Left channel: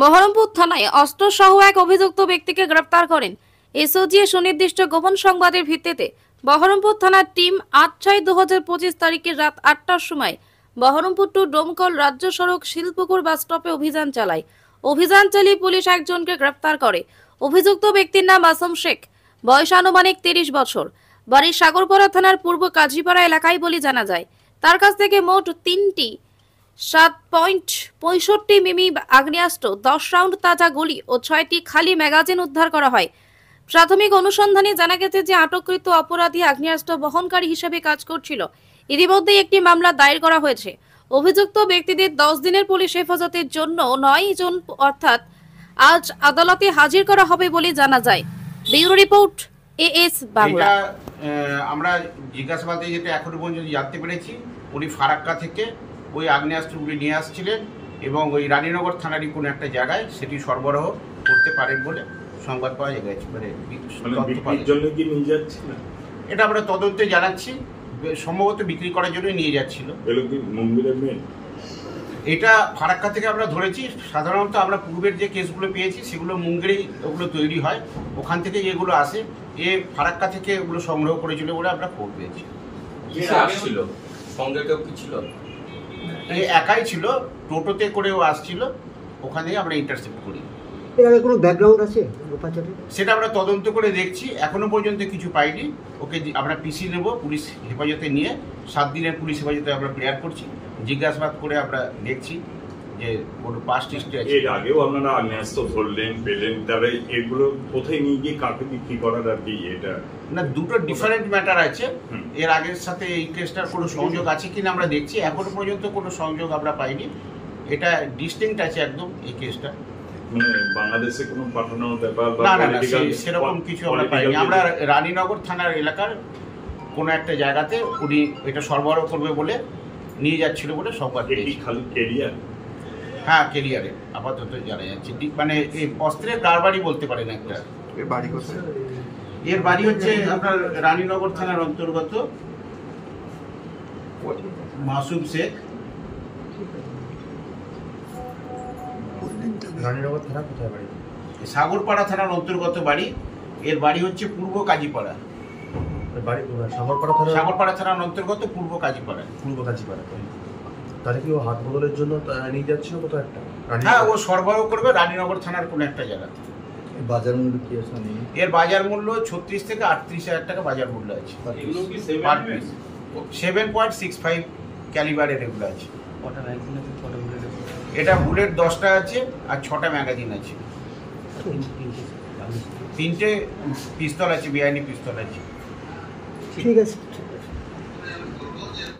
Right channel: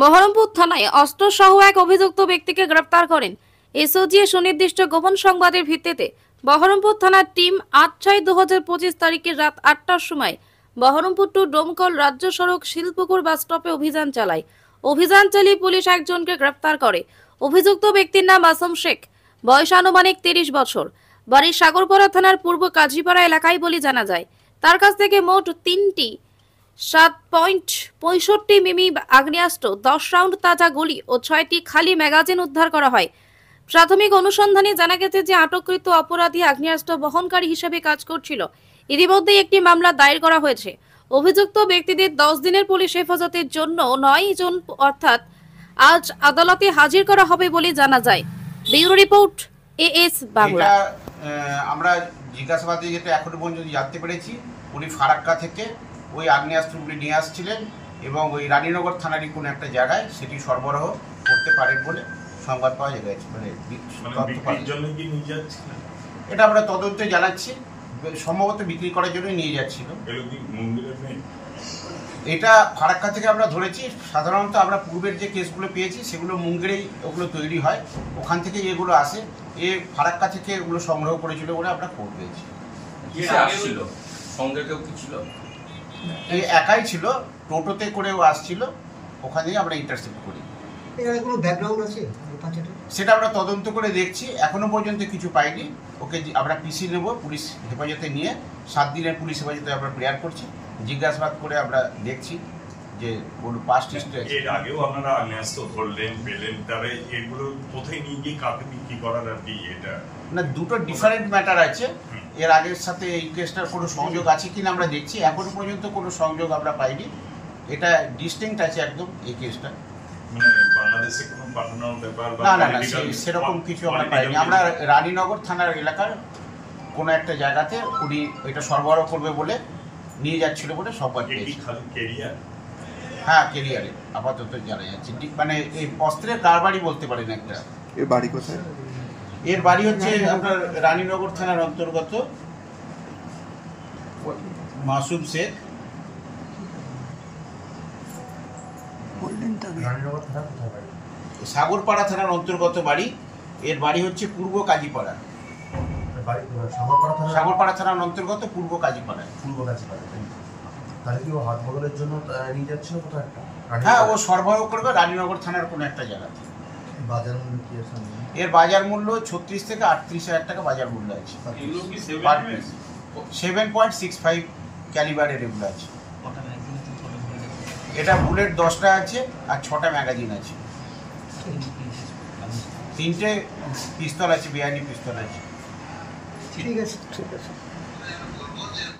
বহরমপুর থানায় অস্ত্রসহ এক অভিযুক্ত ব্যক্তিকে গ্রেপ্তার করেন এসওজি সুনির্দিষ্ট গোপন সংবাদের ভিত্তিতে বহরমপুর থানার টিম ৮/৬/২০২৫ তারিখের রাত ৮টার সময় বহরমপুর টু ডোমকল রাজ্য সড়ক শিলপুকুর বাস স্টপে অভিযান চালায়। অভিযান চালিয়ে পুলিশ একজনকে গ্রেপ্তার করে। অভিযুক্ত ব্যক্তির নাম আসম শেখ, বয়স আনুমানিক ৩০ বছর, বাড়ি সাগরপাড়া থানার পূর্ব কাজীপাড়া এলাকায় বলে জানা যায়। তার কাছ থেকে মোট ৩টি 7.65 মিমি আগ্নেয়াস্ত্র, 10 রাউন্ড তাজা গুলি ও 6টি খালি ম্যাগাজিন উদ্ধার করা হয়। প্রাথমিক অনুসন্ধানে জানা গেছে যে আটককৃত অপরাধী আগ্নেয়াস্ত্র বহনকারী হিসেবে কাজ করছিল। ইতিমধ্যে একটি মামলা দায়ের করা হয়েছে। অভিযুক্ত ব্যক্তিদের 10 দিনের পুলিশ হেফাজতের জন্য 9 জন অর্থাৎ আজ আদালতে হাজির করা হবে বলে জানা যায়। Bureau report, as Bangla. আমরা জিজ্ঞাসাবাদে যেটা এখনো পর্যন্ত জানতে পেরেছি, উনি ফারাক্কা থেকে ওই আগ্নেয়াস্ত্রগুলি নিয়ে আসছিলেন এবং ওই রানীনগর থানারই কোনো একটা জায়গায় সেটি সরবরাহ করতে পারেন বলে সংবাদ পাওয়া গেছে। এটা আমরা তদন্তে জানাচ্ছি, সম্ভবত বিক্রি করার জন্য নিয়ে যাচ্ছিল। এটা ফারাক্কা থেকে আমরা ধরেছি। সাধারণত আমরা পূর্বের যে কেসগুলো পেয়েছি সেগুলো মুঙ্গেরেই ওগুলো তৈরি হয়, ওখান থেকে এগুলো আসে। এ ফারাক্কা থেকে ওগুলো সংগ্রহ করেছিল বলে আমরা খবর পেয়েছি। এ একাই ছিল, টোটোতে করেও আসছিল, ওখানেই আমরা ইন্টারসেপ্ট করি। কোনো ব্যাকগ্রাউন্ড আছে সেটা আমরা তদন্ত করে দেখছি, এখনো পর্যন্ত কিছু পাইনি। ওকে আমরা পিসি নেব, পুলিশ হেফাজতে নিয়ে 7 দিনের পুলিশ হেফাজতে আমরা প্রেয়ার করছি। জিজ্ঞাসাবাদ করে আমরা দেখছি যে কোনো পাস্ট হিস্ট্রি আছে। এর আগেও আপনারা আগ্নেয়াস্ত্র ধরলেন, পেলেন, তবে এগুলো কোথায় নিয়ে গিয়ে কাকে বিক্রি করার আর কি? এটা না, দুটো ডিফারেন্ট ম্যাটার আছে। এর আগের সাথে এই কেসটার কোনো সংযোগ আছে কিনা আমরা দেখছি, এখনো পর্যন্ত কোনো সংযোগ আমরা পাইনি। এটা ডিস্টিংক্ট আছে একদম এই কেসটা। বাংলাদেশে কোনো পাঠানোর ব্যাপার না না না, সেরকম কিছু আমরা পাইনি। আমরা রানীনগর থানার এলাকার কোনো একটা জায়গাতে উনি এটা সরবরাহ করবে বলে নিয়ে যাচ্ছিল বলে সংবাদ পেয়েছি। হ্যাঁ, কেরিয়ারে আপাতত জানা যাচ্ছে। মানে এই অস্ত্রের কারবারি বলতে পারেন একটা। এর বাড়ি কোথায়? এর বাড়ি হচ্ছে আপনার রানীনগর থানার অন্তর্গত মাসুম শেখ। সাগরপাড়া থানার অন্তর্গত বাড়ি। এর বাড়ি হচ্ছে পূর্ব কাজীপাড়া। সাগরপাড়া থানার অন্তর্গত পূর্ব কাজীপাড়া। তাহলে কি ও হাত বদলের জন্য নিয়ে যাচ্ছিল কোথাও একটা? হ্যাঁ, ও সরবরাহ করবে রানীনগর থানার কোনো একটা জায়গাতে। বাজার মূল্য কি আছে? এর বাজার মূল্য 36 থেকে 38 হাজার টাকা বাজার মূল্য আছে। 7.65 ক্যালিবারের এগুলো আছে। এটা বুলেট 10টা আছে আর 6টা ম্যাগাজিন আছে। 3টে পিস্তল আছে, বিআইনি পিস্তল আছে। ঠিক আছে, ঠিক আছে।